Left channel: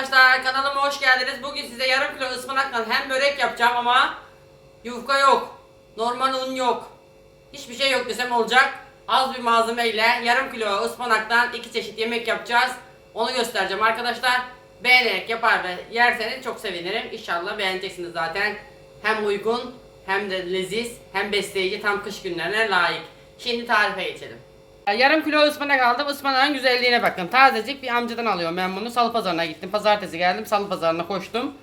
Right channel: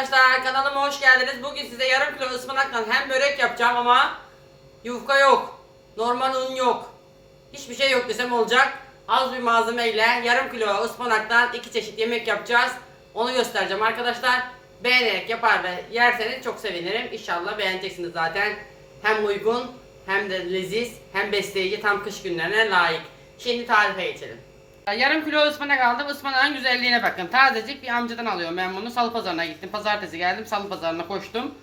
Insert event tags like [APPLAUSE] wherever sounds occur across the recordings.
arkadaşlar kanalıma hoş geldiniz. Bugün size yarım kilo ıspanakla hem börek yapacağım ama yufka yok. Normal un yok. Hiçbir şey yok desem olacak. Az bir malzemeyle yarım kilo ıspanaktan iki çeşit yemek yapacağız. Onu göstereceğim arkadaşlar. Beğenerek yapar ve yerseniz çok sevinirim. İnşallah beğeneceksiniz zaten. Hem uygun hem de leziz hem besleyici tam kış günlerine layık. Şimdi tarife geçelim. Yarım kilo ıspanak aldım. Ispanağın güzelliğine bakın. Tazecik bir amcadan alıyorum ben bunu. Salı pazarına gittim. Pazartesi geldim. Salı pazarına koştum.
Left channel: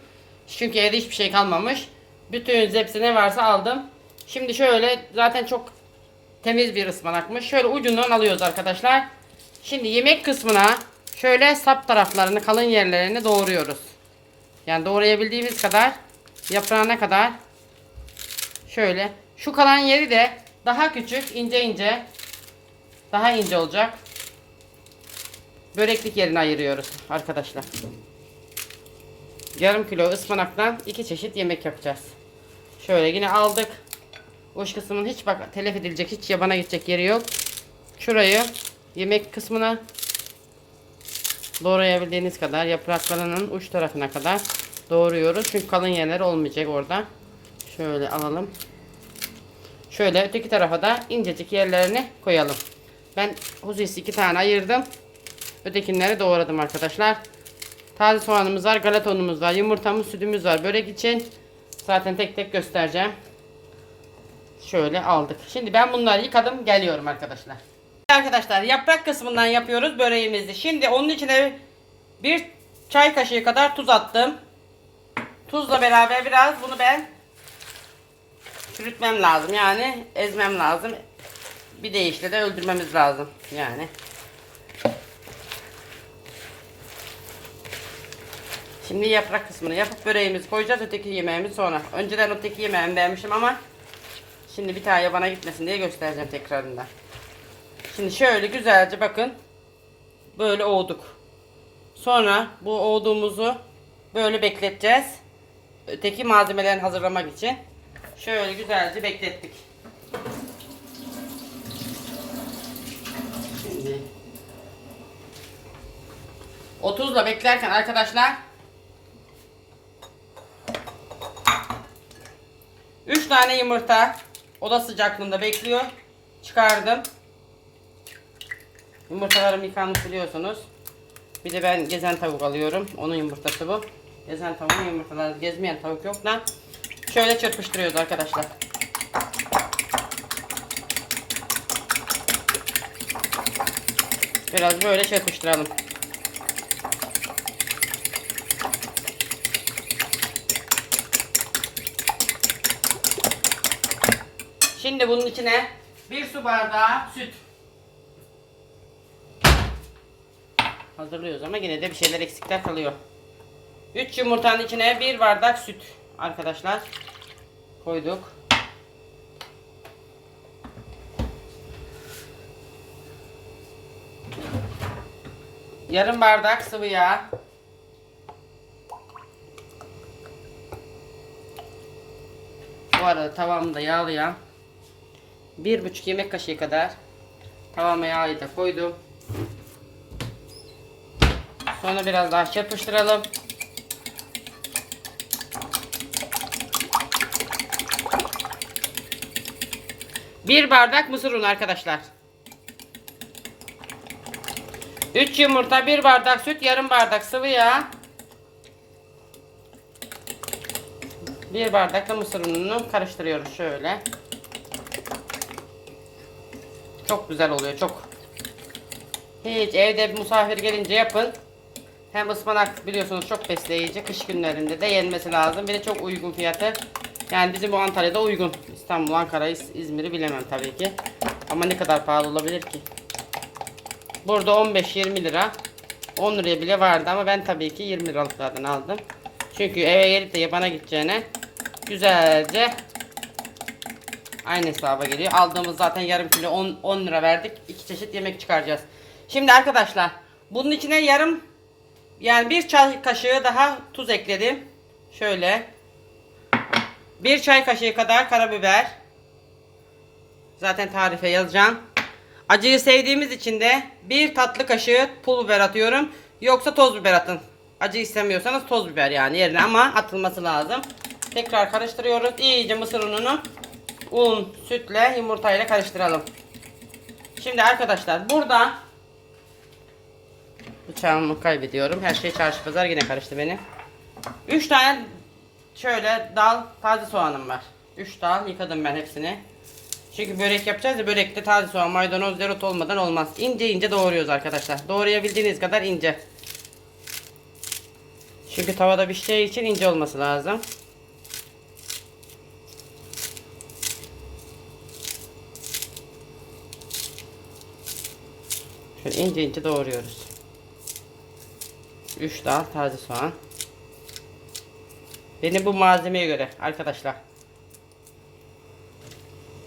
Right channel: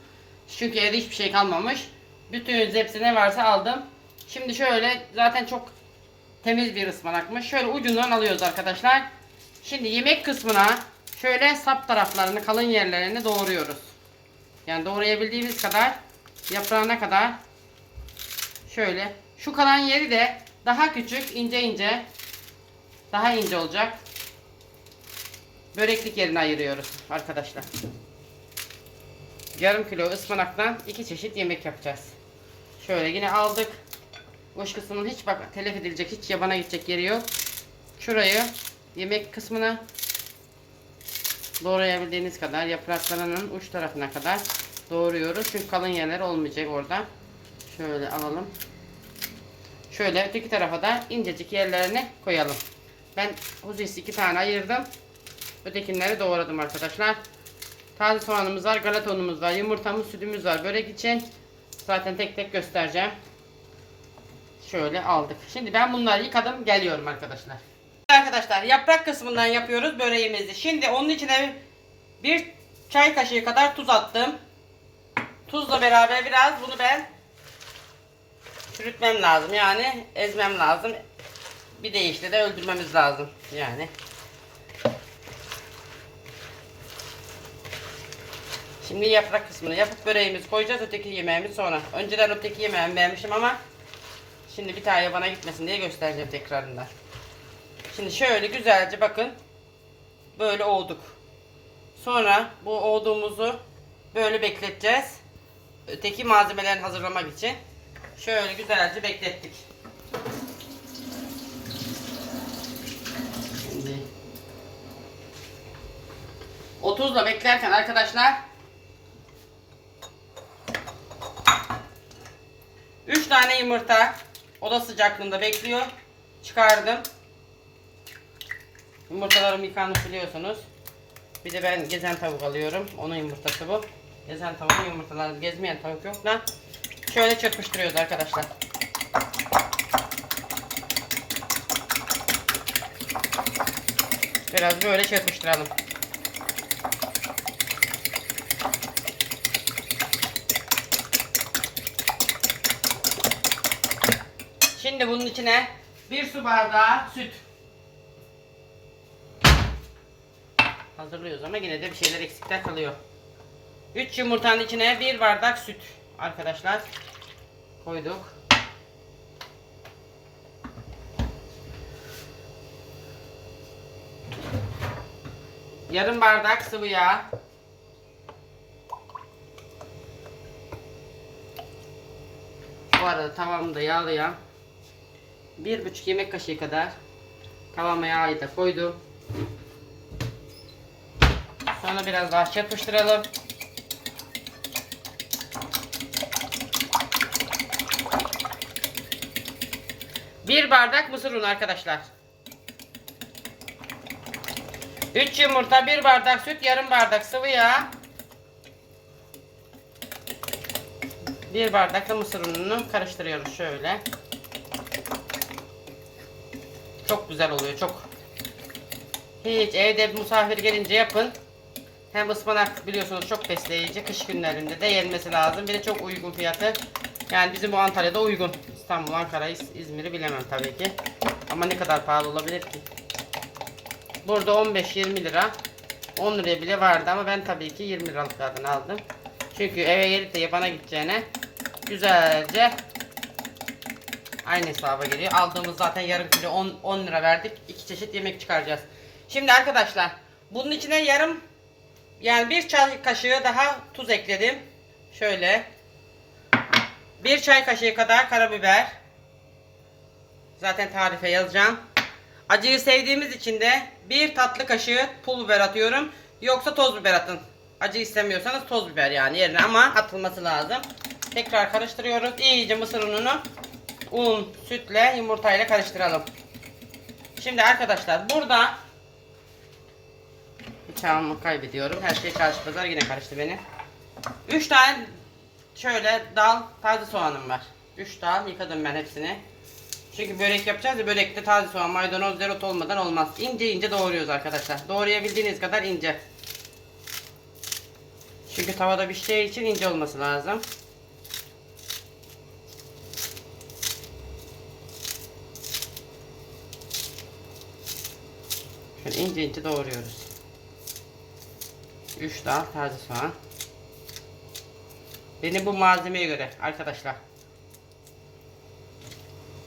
Çünkü evde hiçbir şey kalmamış. Bütün hepsi ne varsa aldım. Şimdi şöyle zaten çok temiz bir ıspanakmış. Şöyle ucundan alıyoruz arkadaşlar. Şimdi yemek kısmına şöyle sap taraflarını, kalın yerlerini doğruyoruz. Yani doğrayabildiğimiz kadar yaprağına kadar şöyle. Şu kalan yeri de daha küçük, ince ince daha ince olacak. Böreklik yerine ayırıyoruz arkadaşlar. Yarım kilo ıspanaktan iki çeşit yemek yapacağız. Şöyle yine aldık. Uç kısmının hiç bak telef edilecek, hiç yabana gidecek yeri yok. Şurayı yemek kısmına doğrayabildiğiniz kadar yapraklarının uç tarafına kadar doğruyoruz. Çünkü kalın yerler olmayacak orada. Şöyle alalım. Şöyle öteki tarafa da incecik yerlerini koyalım. Ben huzisi iki tane ayırdım. Ötekinleri doğradım arkadaşlar. Taze soğanımız var, galeta unumuz var, yumurtamız, sütümüz var. Börek için zaten tek tek göstereceğim. Şöyle aldık. Şimdi ben bunları yıkadım, geliyorum arkadaşlar. Arkadaşlar yaprak kısmından yapıyoruz böreğimizi. Şimdi onun içine bir çay kaşığı kadar tuz attım. Tuzla beraber biraz bunu ben çürütmem lazım yani ezmem lazım. Bir deyişle de öldürmemiz lazım yani. Şimdi yaprak kısmını yapıp böreğimizi koyacağız. Öteki yemeğimiz sonra. Önceden öteki yemeğimi beğenmişim ama şimdi bir tane yabana gitmesin diye göstereceğim tekrarında. Şimdi şöyle güzelce bakın. Böyle oğduk. Sonra bu oğduğumuzu böyle bekleteceğiz. Öteki malzemelerini hazırlamak için. Şöyle güzelce beklettik. 30'la beklerken arkadaşlar 3 tane yumurta oda sıcaklığında bekliyor. Çıkardım. Yumurtalarım yıkanmış biliyorsunuz. Bir de ben gezen tavuk alıyorum. Onun yumurtası bu. Gezen tavuğun yumurtaları gezmeyen tavuk yok da. Şöyle çırpıştırıyoruz arkadaşlar. Biraz böyle çırpıştıralım. Şimdi bunun içine bir su bardağı süt. Hazırlıyoruz ama yine de bir şeyler eksikler kalıyor. 3 yumurtanın içine bir bardak süt arkadaşlar koyduk. Yarım bardak sıvı yağ. Bu arada tavamı da yağlayan bir buçuk yemek kaşığı kadar tavama yağı da koydum. Sonra biraz daha çırpıştıralım. Bir bardak mısır unu arkadaşlar. 3 yumurta, bir bardak süt, yarım bardak sıvı yağ. Bir bardak da mısır ununu karıştırıyoruz şöyle. Çok güzel oluyor, çok. Hiç evde bir misafir gelince yapın. Hem ıspanak biliyorsunuz çok besleyici. Kış günlerinde de yenmesi lazım. Bir de çok uygun fiyatı. Yani bizim bu Antalya'da uygun. İstanbul, Ankara, İz- İzmir'i bilemem tabii ki. Ama ne kadar pahalı olabilir ki? Burada 15-20 lira. 10 liraya bile vardı ama ben tabii ki 20 liralıklardan aldım. Çünkü eve gelip de yabana gideceğine güzelce aynı hesaba geliyor. Aldığımız zaten yarım kilo 10, 10 lira verdik. İki çeşit yemek çıkaracağız. Şimdi arkadaşlar bunun içine yarım yani bir çay kaşığı daha tuz ekledim. Şöyle. Bir çay kaşığı kadar karabiber. Zaten tarife yazacağım. Acıyı sevdiğimiz için de bir tatlı kaşığı pul biber atıyorum. Yoksa toz biber atın. Acı istemiyorsanız toz biber yani yerine ama atılması lazım. Tekrar karıştırıyoruz. İyice mısır ununu un, sütle, yumurtayla karıştıralım. Şimdi arkadaşlar burada bıçağımı kaybediyorum. Her şey çarşı pazar yine karıştı benim. 3 tane şöyle dal taze soğanım var. 3 dal yıkadım ben hepsini. Çünkü börek yapacağız ya börekte taze soğan, maydanoz, dereot olmadan olmaz. İnce ince doğruyoruz arkadaşlar. Doğrayabildiğiniz kadar ince. Çünkü tavada pişeceği için ince olması lazım. Şöyle ince ince doğruyoruz. 3 dal taze soğan. Benim bu malzemeye göre arkadaşlar.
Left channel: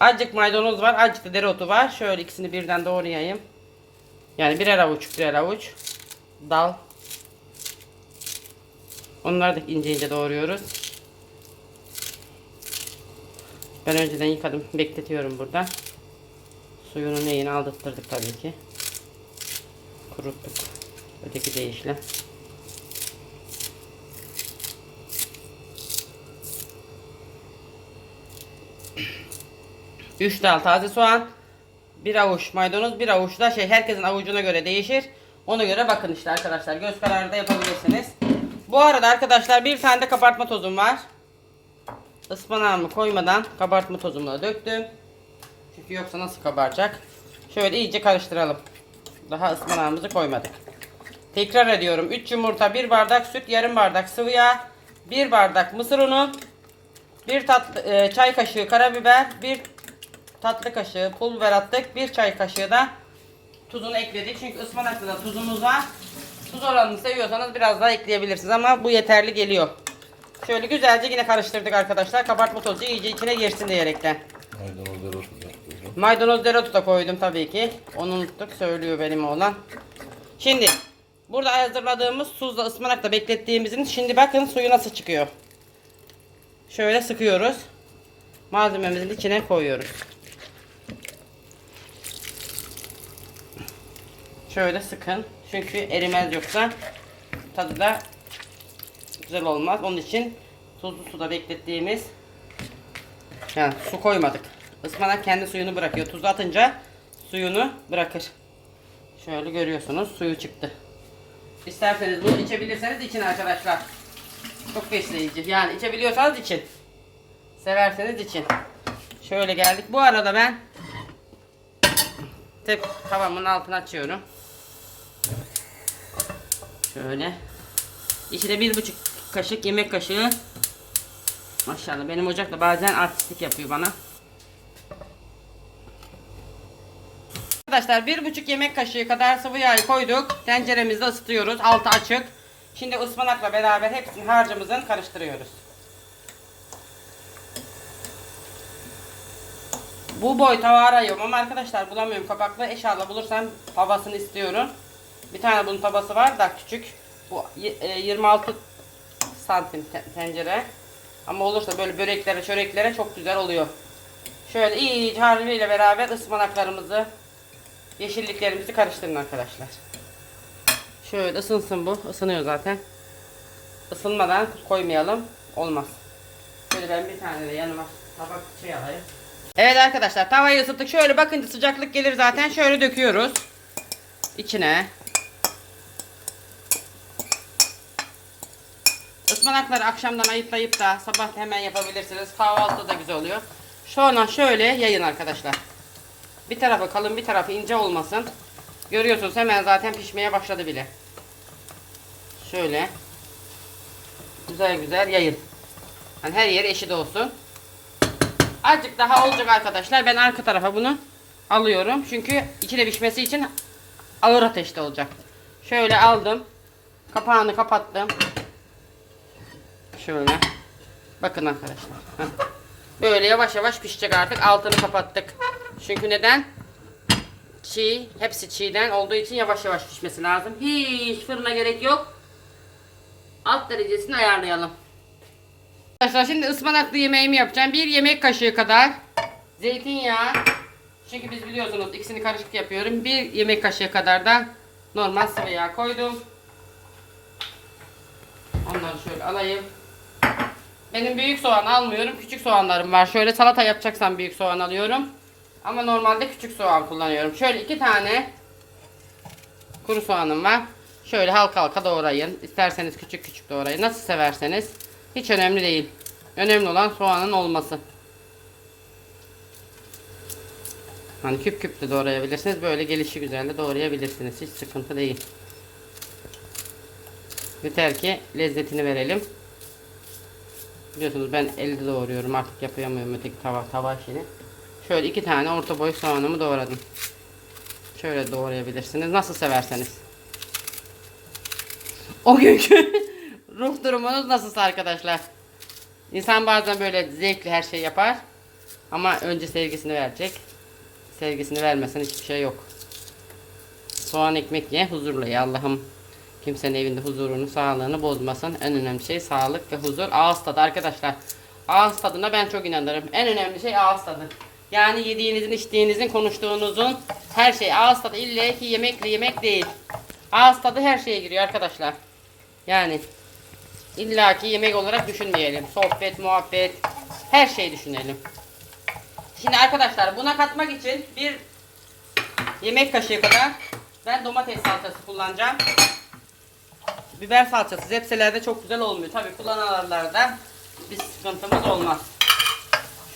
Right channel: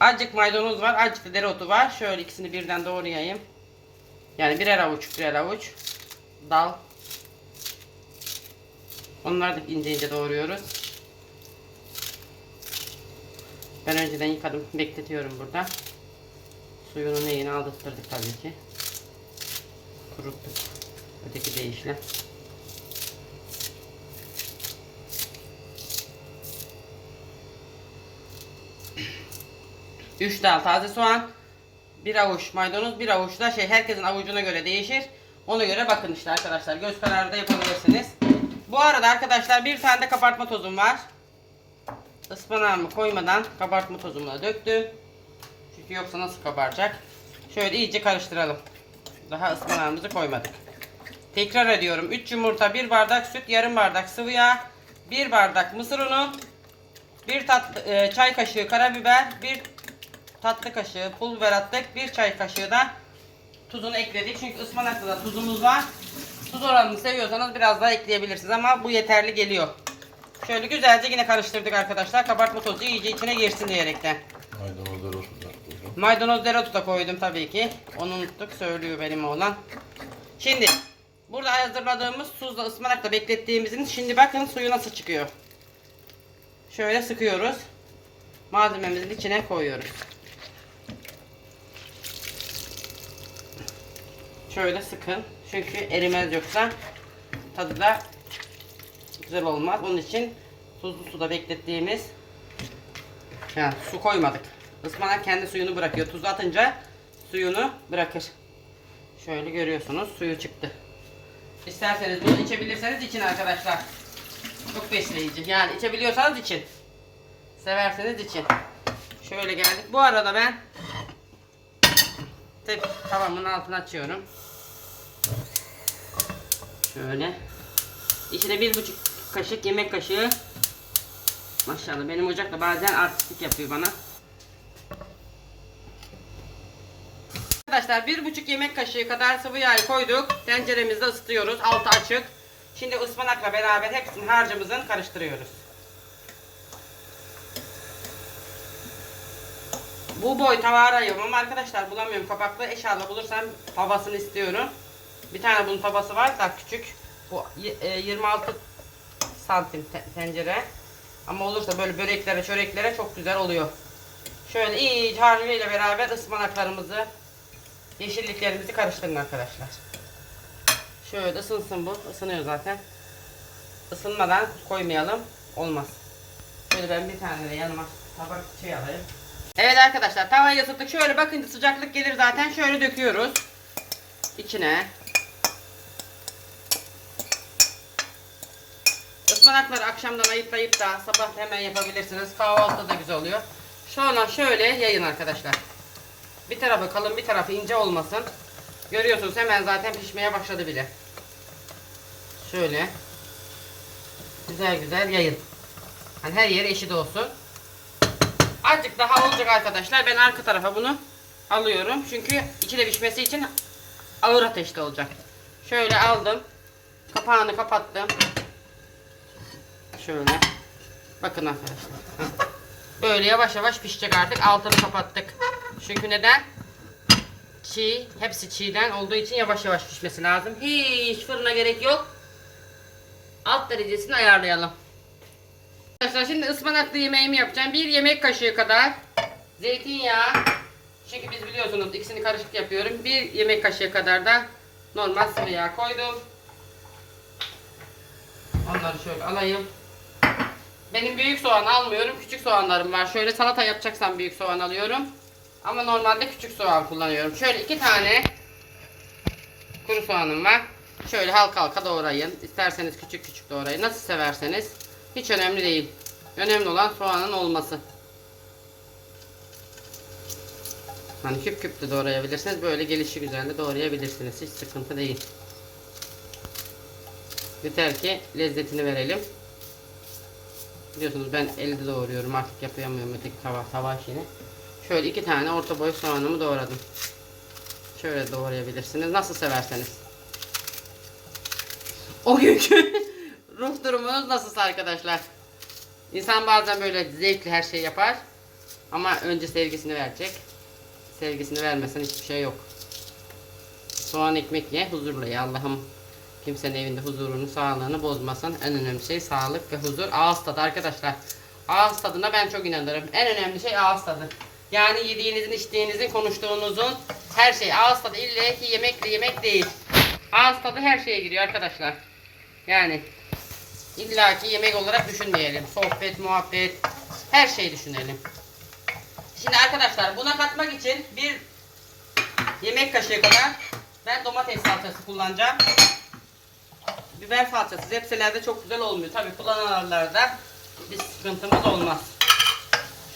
Azıcık maydanoz var, azıcık da dereotu var. Şöyle ikisini birden doğrayayım. Yani birer avuç, birer avuç. Dal. Onları da ince ince doğruyoruz. Ben önceden yıkadım, bekletiyorum burada. Suyunu neyini aldırttık tabii ki. Kuruttuk. Öteki deyişle. Üç dal taze soğan. Bir avuç maydanoz, bir avuç da şey herkesin avucuna göre değişir. Ona göre bakın işte arkadaşlar. Göz kararı da yapabilirsiniz. Bu arada arkadaşlar bir tane de kabartma tozum var. Ispanağımı koymadan kabartma tozumu da döktüm. Çünkü yoksa nasıl kabaracak? Şöyle iyice karıştıralım. Daha ıspanağımızı koymadık. Tekrar ediyorum. 3 yumurta, 1 bardak süt, yarım bardak sıvı yağ, 1 bardak mısır unu, 1 tatlı, e, çay kaşığı karabiber, 1 tatlı kaşığı pul biber attık. 1 çay kaşığı da tuzunu ekledik. Çünkü ıspanakta da tuzumuz var. Tuz oranını seviyorsanız biraz daha ekleyebilirsiniz ama bu yeterli geliyor. Şöyle güzelce yine karıştırdık arkadaşlar. Kabartma tozu iyice içine girsin diyerekten. Koydum. Maydanoz dereotu da koydum tabii ki. Onu unuttuk söylüyor benim oğlan. Şimdi burada hazırladığımız tuzla ıspanakla beklettiğimizin şimdi bakın suyu nasıl çıkıyor. Şöyle sıkıyoruz. Malzememizin içine koyuyoruz. Şöyle sıkın. Çünkü erimez yoksa tadı da güzel olmaz. Onun için tuzlu suda beklettiğimiz yani su koymadık. Ispanak kendi suyunu bırakıyor. Tuz atınca suyunu bırakır. Şöyle görüyorsunuz suyu çıktı. İsterseniz bunu içebilirseniz için arkadaşlar. Çok besleyici. Yani içebiliyorsanız için. Severseniz için. Şöyle geldik. Bu arada ben tep tavamın altını açıyorum. Şöyle. İçine bir buçuk kaşık yemek kaşığı Maşallah benim ocak da bazen artistik yapıyor bana. Arkadaşlar bir buçuk yemek kaşığı kadar sıvı yağ koyduk. Tenceremizde ısıtıyoruz. Altı açık. Şimdi ıspanakla beraber hepsini harcımızın karıştırıyoruz. Bu boy tava arıyorum ama arkadaşlar bulamıyorum kapaklı. Eşyalı bulursam tavasını istiyorum. Bir tane bunun tavası var daha küçük. Bu y- e, 26 santim te- tencere. Ama olursa böyle böreklere, çöreklere çok güzel oluyor. Şöyle iyice harcıyla beraber ıspanaklarımızı, yeşilliklerimizi karıştırın arkadaşlar. Şöyle ısınsın bu. Isınıyor zaten. Isınmadan koymayalım. Olmaz. Şöyle ben bir tane de yanıma tabak şey alayım. Evet arkadaşlar tavayı ısıttık. Şöyle bakın sıcaklık gelir zaten. Şöyle döküyoruz. İçine. Ispanakları akşamdan ayıtlayıp da sabah hemen yapabilirsiniz. Kahvaltıda da güzel oluyor. Sonra şöyle yayın arkadaşlar. Bir tarafı kalın bir tarafı ince olmasın. Görüyorsunuz hemen zaten pişmeye başladı bile. Şöyle. Güzel güzel yayın. Hani her yeri eşit olsun. Azıcık daha olacak arkadaşlar. Ben arka tarafa bunu alıyorum. Çünkü içi de pişmesi için ağır ateşte olacak. Şöyle aldım. Kapağını kapattım. Şöyle. Bakın arkadaşlar. Böyle yavaş yavaş pişecek artık. Altını kapattık. Çünkü neden? Çiğ. Hepsi çiğden olduğu için yavaş yavaş pişmesi lazım. Hiç fırına gerek yok. Alt derecesini ayarlayalım. Arkadaşlar şimdi ıspanaklı yemeğimi yapacağım. Bir yemek kaşığı kadar zeytinyağı. Çünkü biz biliyorsunuz ikisini karışık yapıyorum. Bir yemek kaşığı kadar da normal sıvı yağ koydum. Onları şöyle alayım. Benim büyük soğan almıyorum. Küçük soğanlarım var. Şöyle salata yapacaksam büyük soğan alıyorum. Ama normalde küçük soğan kullanıyorum. Şöyle iki tane kuru soğanım var. Şöyle halka halka doğrayın. İsterseniz küçük küçük doğrayın. Nasıl severseniz. Hiç önemli değil. Önemli olan soğanın olması. Hani küp küp de doğrayabilirsiniz. Böyle gelişi güzel de doğrayabilirsiniz. Hiç sıkıntı değil. Yeter ki lezzetini verelim. Biliyorsunuz ben elde doğruyorum. Artık yapamıyorum öteki tava, tava işini. Şöyle iki tane orta boy soğanımı doğradım. Şöyle doğrayabilirsiniz. Nasıl severseniz. O günkü [LAUGHS] ruh durumunuz nasılsa arkadaşlar. İnsan bazen böyle zevkli her şey yapar. Ama önce sevgisini verecek. Sevgisini vermesen hiçbir şey yok. Soğan ekmek ye, huzurla ye. Allah'ım kimsenin evinde huzurunu, sağlığını bozmasın. En önemli şey sağlık ve huzur. Ağız tadı arkadaşlar. Ağız tadına ben çok inanırım. En önemli şey ağız tadı. Yani yediğinizin, içtiğinizin, konuştuğunuzun her şey. Ağız tadı illa ki yemekle yemek değil. Ağız tadı her şeye giriyor arkadaşlar. Yani illaki yemek olarak düşünmeyelim. Sohbet, muhabbet, her şeyi düşünelim. Şimdi arkadaşlar buna katmak için bir yemek kaşığı kadar ben domates salçası kullanacağım. Biber salçası zepselerde çok güzel olmuyor. Tabii kullananlarda bir sıkıntımız olmaz.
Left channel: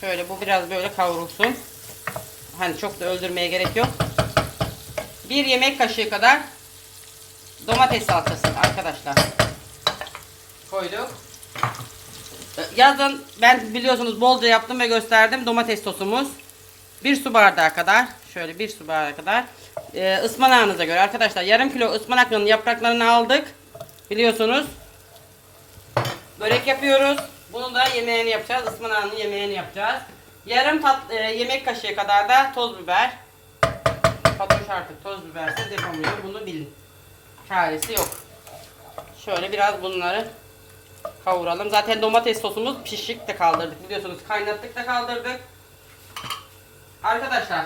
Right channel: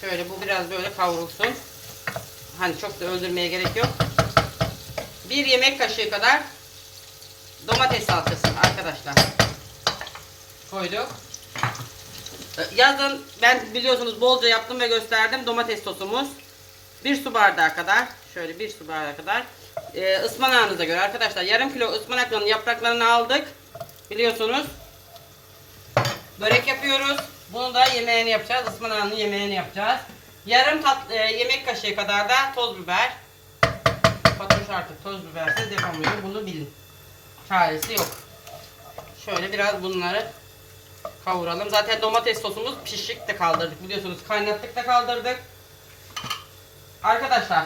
Şöyle bu biraz böyle kavrulsun. Hani çok da öldürmeye gerek yok. Bir yemek kaşığı kadar domates salçası arkadaşlar. Koyduk. Yazın ben biliyorsunuz bolca yaptım ve gösterdim domates sosumuz. Bir su bardağı kadar şöyle bir su bardağı kadar ee, ıspanağınıza göre arkadaşlar yarım kilo ıspanakların yapraklarını aldık biliyorsunuz börek yapıyoruz bunu da yemeğini yapacağız ıspanağının yemeğini yapacağız yarım tat, e, yemek kaşığı kadar da toz biber Fatoş artık toz bibersiz yapamıyor bunu bilin çaresi yok şöyle biraz bunları kavuralım. Zaten domates sosumuz pişik de kaldırdık biliyorsunuz. Kaynattık da kaldırdık. Arkadaşlar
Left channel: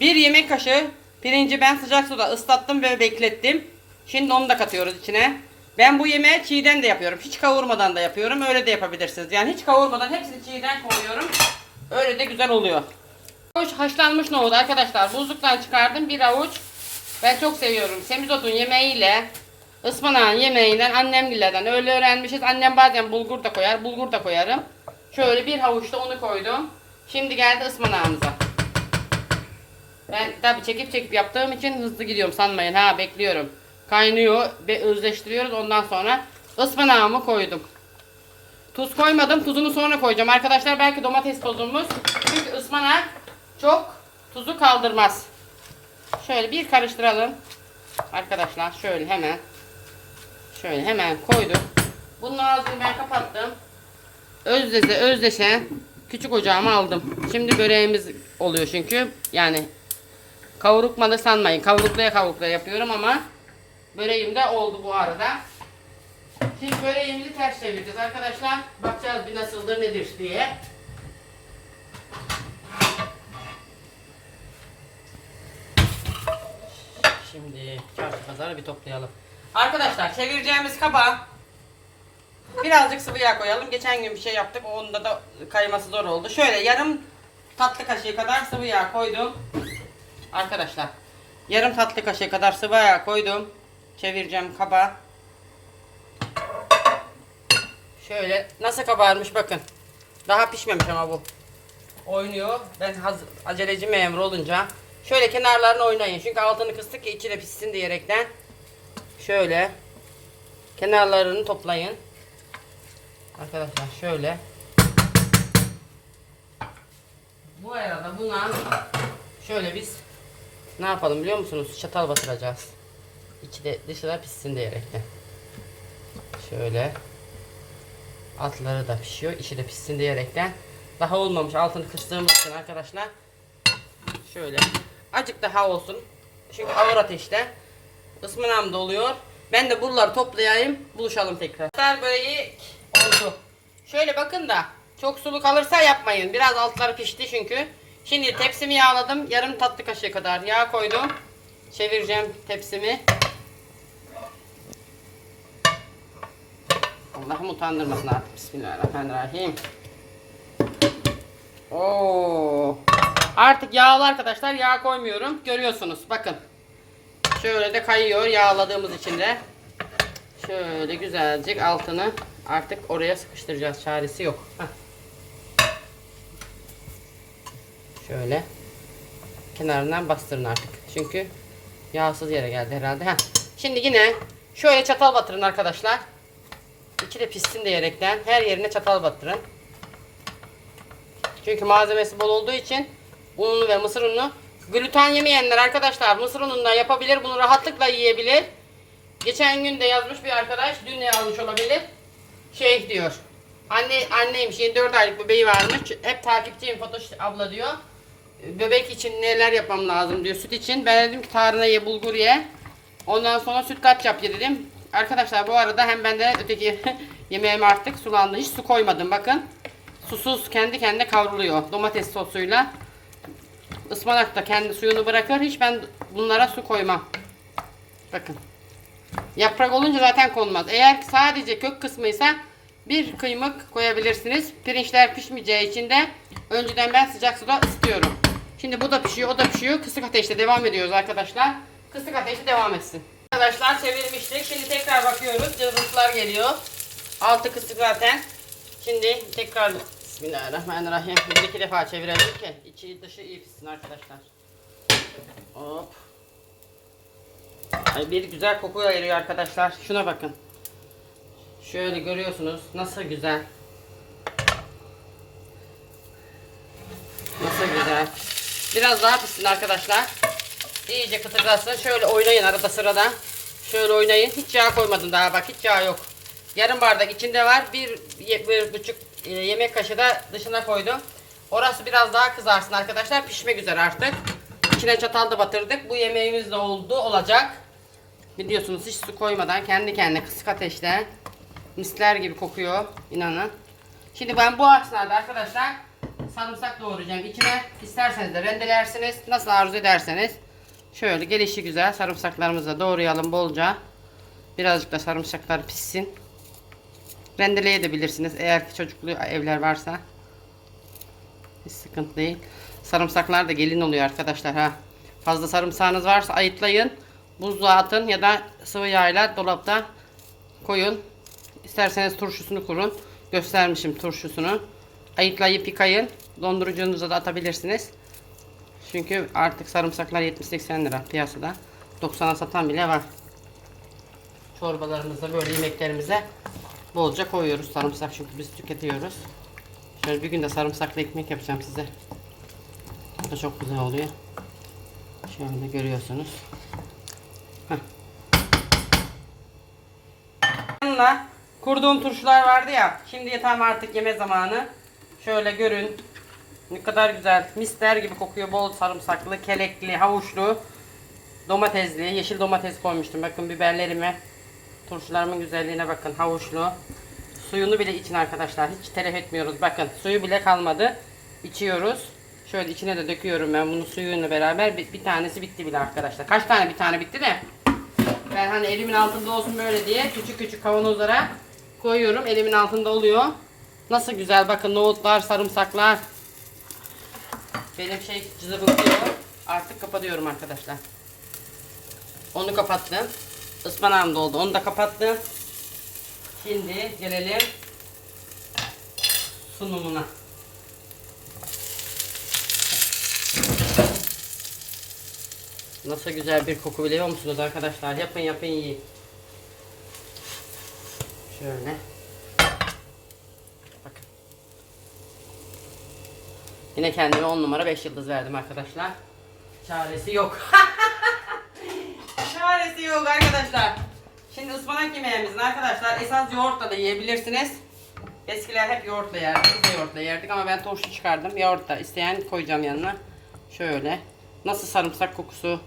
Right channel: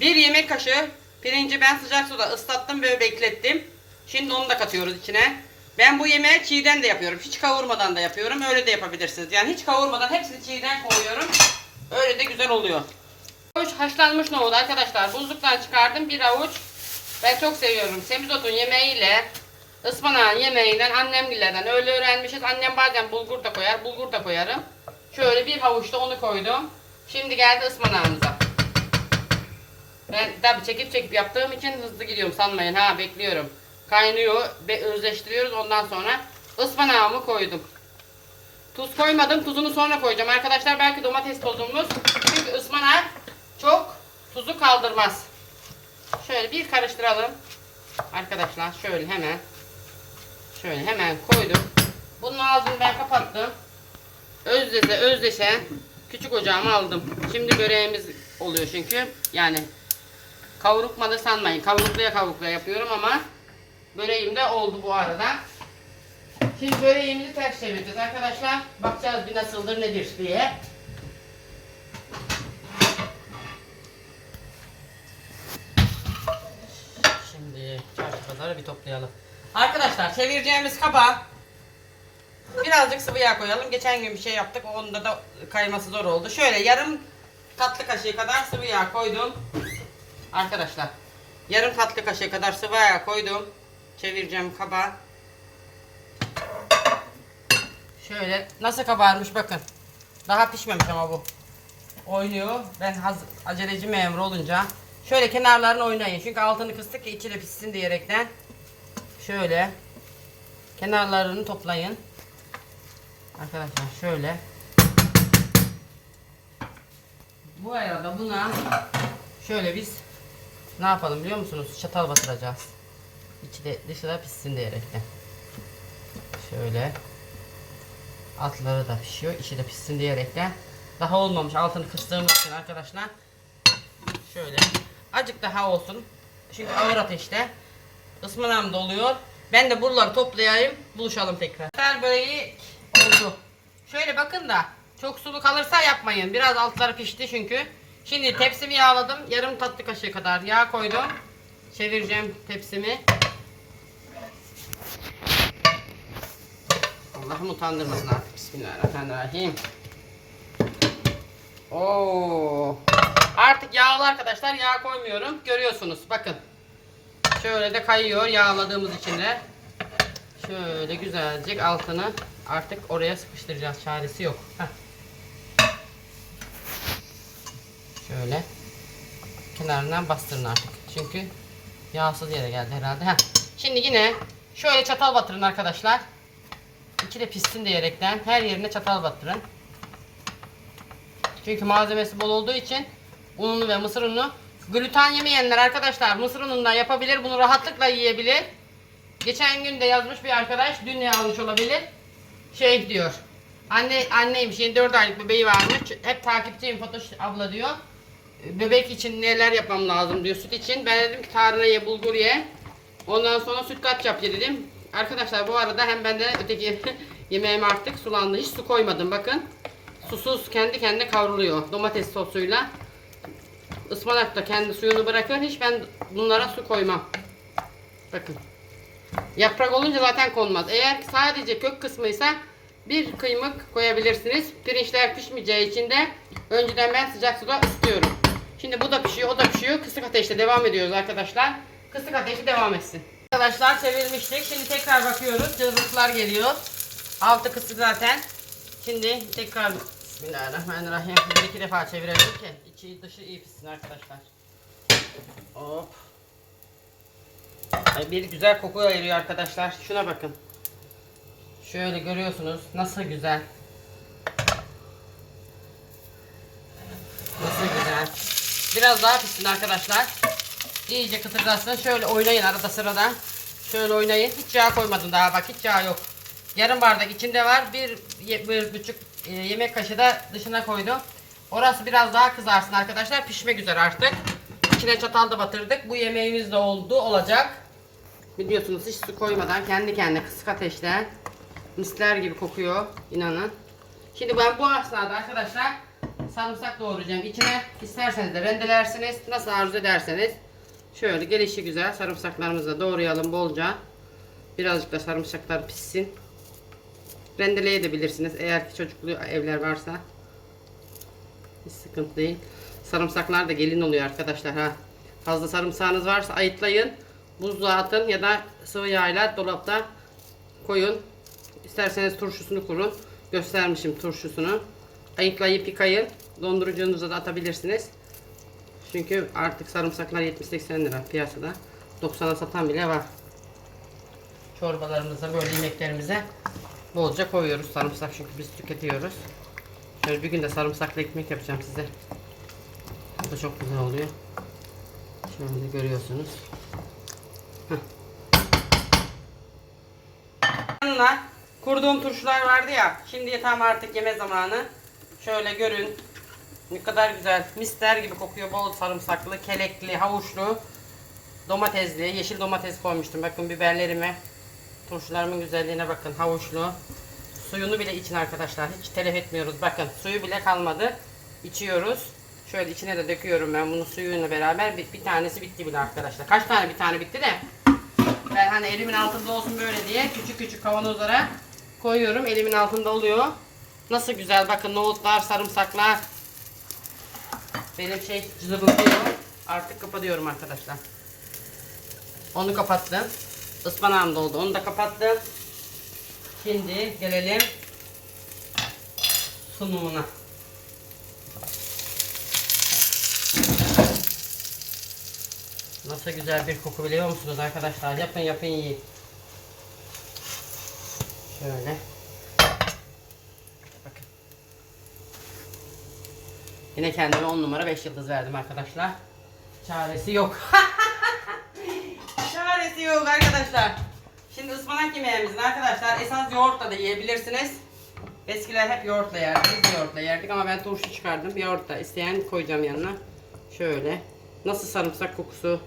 bir yemek kaşığı pirinci ben sıcak suda ıslattım ve beklettim. Şimdi onu da katıyoruz içine. Ben bu yemeği çiğden de yapıyorum. Hiç kavurmadan da yapıyorum. Öyle de yapabilirsiniz. Yani hiç kavurmadan hepsini çiğden koyuyorum. Öyle de güzel oluyor. Avuç haşlanmış nohut arkadaşlar. Buzluktan çıkardım bir avuç. Ben çok seviyorum. Semizotun yemeğiyle ıspanağın yemeğinden annemgillerden öyle öğrenmişiz. Annem bazen bulgur da koyar. Bulgur da koyarım. Şöyle bir havuçta onu koydum. Şimdi geldi ıspanağımıza. Ben tabi çekip çekip yaptığım için hızlı gidiyorum sanmayın ha bekliyorum. Kaynıyor ve özleştiriyoruz ondan sonra ıspanağımı koydum. Tuz koymadım tuzunu sonra koyacağım arkadaşlar belki domates tozumuz çünkü ıspanak çok tuzu kaldırmaz. Şöyle bir karıştıralım. Arkadaşlar şöyle hemen şöyle hemen koydum. Bunun ağzını ben kapattım. Özdeşe özdeşe küçük ocağıma aldım. Şimdi böreğimiz oluyor çünkü. Yani kavurukmadı sanmayın. Kavruklaya kavruklaya yapıyorum ama böreğim de oldu bu arada. Şimdi böreğimizi ters çevireceğiz arkadaşlar. Bakacağız bir nasıldır nedir diye. Şimdi çarşı pazarı bir toplayalım. Arkadaşlar çevireceğimiz kaba birazcık sıvı yağ koyalım. Geçen gün bir şey yaptık. Onda da kayması zor oldu. Şöyle yarım tatlı kaşığı kadar sıvı yağ koydum. Arkadaşlar yarım tatlı kaşığı kadar sıvı yağ koydum. Çevireceğim kaba. Şöyle nasıl kabarmış bakın. Daha pişmemiş ama bu. Oynuyor. Ben haz aceleci memur olunca şöyle kenarlarını oynayın. Çünkü altını kıstık ki içi de pişsin diyerekten. Şöyle kenarlarını toplayın. Arkadaşlar şöyle. Bu arada buna şöyle biz ne yapalım biliyor musunuz? Çatal batıracağız. İçi de dışı da pişsin diyerekten. Şöyle. Altları da pişiyor. içi de pişsin diyerekten. Daha olmamış altını kıstığımız için arkadaşlar. Şöyle. Acık daha olsun. Çünkü ağır ateşte. Ismanağım da oluyor. Ben de buraları toplayayım. Buluşalım tekrar. Böreği oldu. Şöyle bakın da çok sulu kalırsa yapmayın. Biraz altları pişti çünkü. Şimdi tepsimi yağladım. Yarım tatlı kaşığı kadar yağ koydum. Çevireceğim tepsimi. Allah'ım utandırmasın artık. Bismillahirrahmanirrahim. Oo. Artık yağlı arkadaşlar. Yağ koymuyorum. Görüyorsunuz. Bakın. Şöyle de kayıyor yağladığımız için de. Şöyle güzelcek altını artık oraya sıkıştıracağız. Çaresi yok. Şöyle kenarından bastırın artık. Çünkü yağsız yere geldi herhalde. Heh. Şimdi yine şöyle çatal batırın arkadaşlar. İçi de pişsin diyerekten her yerine çatal batırın. Çünkü malzemesi bol olduğu için ununu ve mısır ununu gluten yemeyenler arkadaşlar mısır unundan yapabilir. Bunu rahatlıkla yiyebilir. Geçen gün de yazmış bir arkadaş dün de yazmış olabilir. Şey diyor. Anne anneymiş 24 aylık bebeği varmış. Hep takipçiyim Fatoş abla diyor. Bebek için neler yapmam lazım diyor süt için. Ben dedim ki tarhana ye bulgur ye. Ondan sonra süt kaç yap ye dedim. Arkadaşlar bu arada hem ben de öteki [LAUGHS] yemeğim artık sulandı. Hiç su koymadım bakın. Susuz kendi kendine kavruluyor domates sosuyla. Ispanak da kendi suyunu bırakır. Hiç ben bunlara su koymam. Bakın. Yaprak olunca zaten konmaz. Eğer sadece kök kısmıysa bir kıymık koyabilirsiniz. Pirinçler pişmeyeceği için de önceden ben sıcak suda ısıtıyorum. Şimdi bu da pişiyor, o da pişiyor. Kısık ateşte devam ediyoruz arkadaşlar. Kısık ateşte devam etsin. Arkadaşlar çevirmiştik. Şimdi tekrar bakıyoruz. Cızırtılar geliyor. Altı kısık zaten. Şimdi tekrar Bismillahirrahmanirrahim. Bir iki defa çevirelim ki içi dışı iyi pişsin arkadaşlar. Hop. Bir güzel koku ayırıyor arkadaşlar. Şuna bakın. Şöyle görüyorsunuz. Nasıl güzel. Nasıl güzel. Biraz daha pişsin arkadaşlar. İyice kıtırlasın. Şöyle oynayın arada sırada. Şöyle oynayın. Hiç yağ koymadım daha bak. Hiç yağ yok. Yarım bardak içinde var. Bir, bir buçuk e, yemek kaşığı da dışına koydum. Orası biraz daha kızarsın arkadaşlar. Pişmek üzere artık. İçine çatal da batırdık. Bu yemeğimiz de oldu. Olacak. Biliyorsunuz hiç su koymadan kendi kendine kısık ateşte misler gibi kokuyor. inanın. Şimdi ben bu esnada arkadaşlar sarımsak doğrayacağım. İçine isterseniz de rendelersiniz. Nasıl arzu ederseniz. Şöyle gelişi güzel sarımsaklarımızı da doğrayalım bolca. Birazcık da sarımsaklar pişsin. Rendeleyebilirsiniz eğer ki çocuklu evler varsa. Hiç sıkıntı değil. Sarımsaklar da gelin oluyor arkadaşlar ha. Fazla sarımsağınız varsa ayıtlayın. Buzluğa atın ya da sıvı yağla dolapta koyun. İsterseniz turşusunu kurun. Göstermişim turşusunu. Ayıtlayıp yıkayın. Dondurucunuza da atabilirsiniz. Çünkü artık sarımsaklar 70-80 lira piyasada. 90'a satan bile var. Çorbalarımıza böyle yemeklerimize bolca koyuyoruz sarımsak çünkü biz tüketiyoruz. Şöyle bir gün de sarımsaklı ekmek yapacağım size. Bu çok güzel oluyor. Şöyle görüyorsunuz. Heh. Yanına kurduğum turşular vardı ya. Şimdi tam artık yeme zamanı. Şöyle görün. Ne kadar güzel. Mister gibi kokuyor. Bol sarımsaklı, kelekli, havuçlu, domatesli. Yeşil domates koymuştum. Bakın biberlerime. Turşularımın güzelliğine bakın. Havuçlu. Suyunu bile için arkadaşlar. Hiç telef etmiyoruz. Bakın suyu bile kalmadı. İçiyoruz. Şöyle içine de döküyorum ben bunu suyuyla beraber. Bir, bir tanesi bitti bile arkadaşlar. Kaç tane bir tane bitti de. Ben hani elimin altında olsun böyle diye küçük küçük kavanozlara koyuyorum. Elimin altında oluyor. Nasıl güzel bakın nohutlar, sarımsaklar. Benim şey cızıbıklıyor. Artık kapatıyorum arkadaşlar. Onu kapattım. Ispanağım doldu. Onu da kapattım. Şimdi gelelim sunumuna. Nasıl güzel bir koku biliyor musunuz arkadaşlar? Yapın yapın yiyin. Şöyle. Yine kendime 10 numara 5 yıldız verdim arkadaşlar. Çaresi yok. [LAUGHS] Çaresi yok arkadaşlar. Şimdi ıspanak yemeğimizin arkadaşlar esas yoğurtla da yiyebilirsiniz. Eskiler hep yoğurtla yerdi. Biz de yoğurtla yerdik ama ben turşu çıkardım. Yoğurt da isteyen koyacağım yanına. Şöyle. Nasıl sarımsak kokusu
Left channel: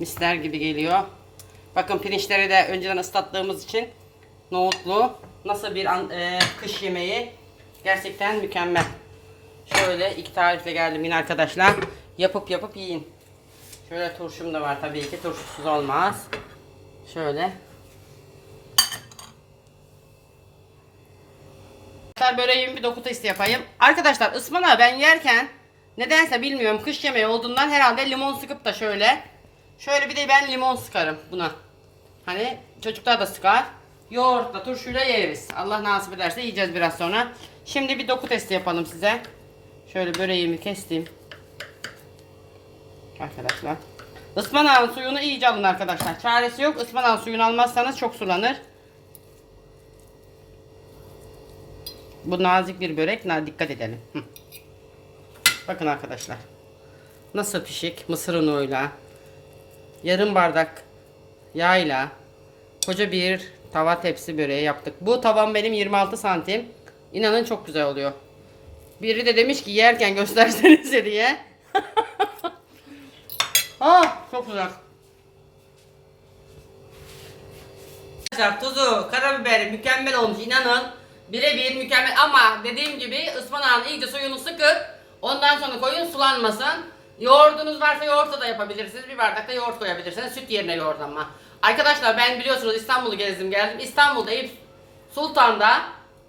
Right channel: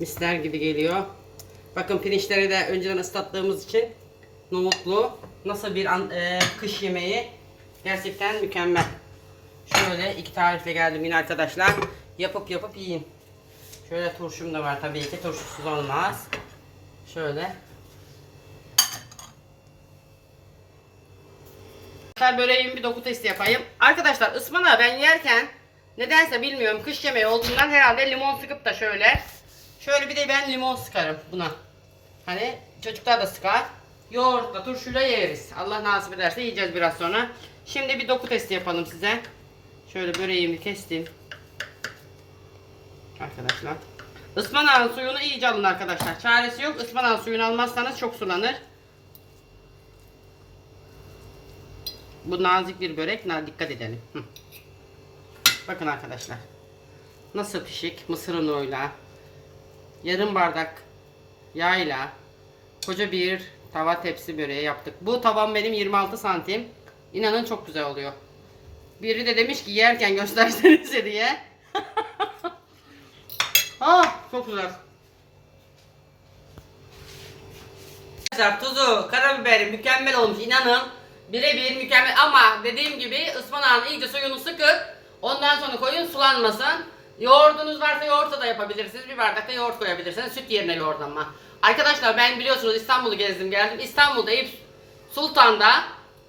misler gibi geliyor. Bakın pirinçleri de önceden ıslattığımız için nohutlu. Nasıl bir an- e, kış yemeği. Gerçekten mükemmel. Şöyle iki tarifle geldim yine arkadaşlar. Yapıp yapıp yiyin. Şöyle turşum da var tabii ki. Turşusuz olmaz. Şöyle. ben böreğimi bir doku testi yapayım. Arkadaşlar ıspanağı ben yerken nedense bilmiyorum kış yemeği olduğundan herhalde limon sıkıp da şöyle şöyle bir de ben limon sıkarım buna. Hani çocuklar da sıkar. Yoğurtla turşuyla yeriz. Allah nasip ederse yiyeceğiz biraz sonra. Şimdi bir doku testi yapalım size. Şöyle böreğimi kestim. Arkadaşlar. Ispanağın suyunu iyice alın arkadaşlar. Çaresi yok. Ispanağın suyunu almazsanız çok sulanır. Bu nazik bir börek. Dikkat edelim. Bakın arkadaşlar. Nasıl pişik? Mısır unuyla. Yarım bardak yağla. Koca bir tava tepsi böreği yaptık. Bu tavam benim 26 santim. İnanın çok güzel oluyor. Biri de demiş ki yerken göstersenize diye. [LAUGHS] ah çok güzel. Arkadaşlar tuzu, karabiberi mükemmel olmuş inanın. Birebir mükemmel ama dediğim gibi ıspanağın iyice suyunu sıkıp ondan sonra koyun sulanmasın. Yoğurdunuz varsa yoğurtla da yapabilirsiniz. Bir bardak da yoğurt koyabilirsiniz. Süt yerine yoğurt ama. Arkadaşlar ben biliyorsunuz İstanbul'u gezdim geldim. İstanbul'da Eyüp Sultan'da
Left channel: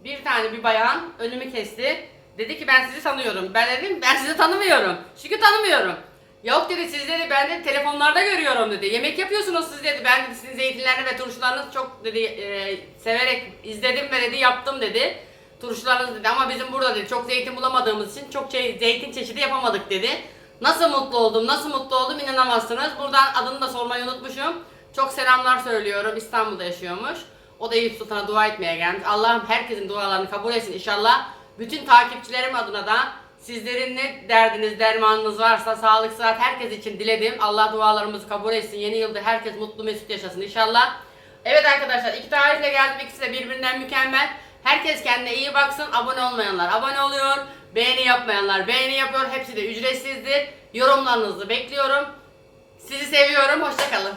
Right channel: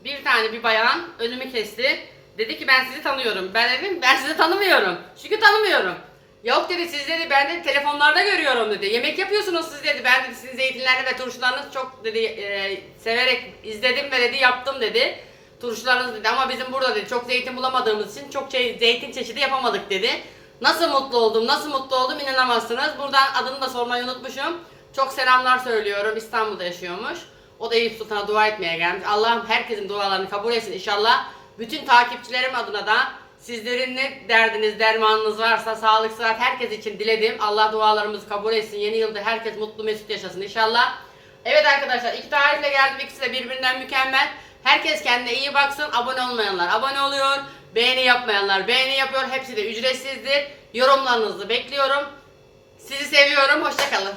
bir tane bir bayan önümü kesti. Dedi ki ben sizi tanıyorum. Ben dedim ben sizi tanımıyorum. Çünkü tanımıyorum. Yok dedi siz dedi ben de telefonlarda görüyorum dedi. Yemek yapıyorsunuz siz dedi. Ben dedi sizin zeytinlerini ve turşularınızı çok dedi e, severek izledim ve dedi yaptım dedi. Turşularınız dedi ama bizim burada dedi çok zeytin bulamadığımız için çok şey, zeytin çeşidi yapamadık dedi. Nasıl mutlu oldum, nasıl mutlu oldum inanamazsınız. Buradan adını da sormayı unutmuşum. Çok selamlar söylüyorum. İstanbul'da yaşıyormuş. O da Eyüp Sultan'a dua etmeye gelmiş. Allah'ım herkesin dualarını kabul etsin inşallah. Bütün takipçilerim adına da sizlerin ne derdiniz, dermanınız varsa sağlık, sıhhat herkes için diledim. Allah dualarımızı kabul etsin. Yeni yılda herkes mutlu mesut yaşasın inşallah. Evet arkadaşlar iki tarifle geldim. İkisi de birbirinden mükemmel. Herkes kendine iyi baksın. Abone olmayanlar abone oluyor. Beğeni yapmayanlar beğeni yapıyor. Hepsi de ücretsizdir. Yorumlarınızı bekliyorum. Sizi seviyorum. Hoşçakalın.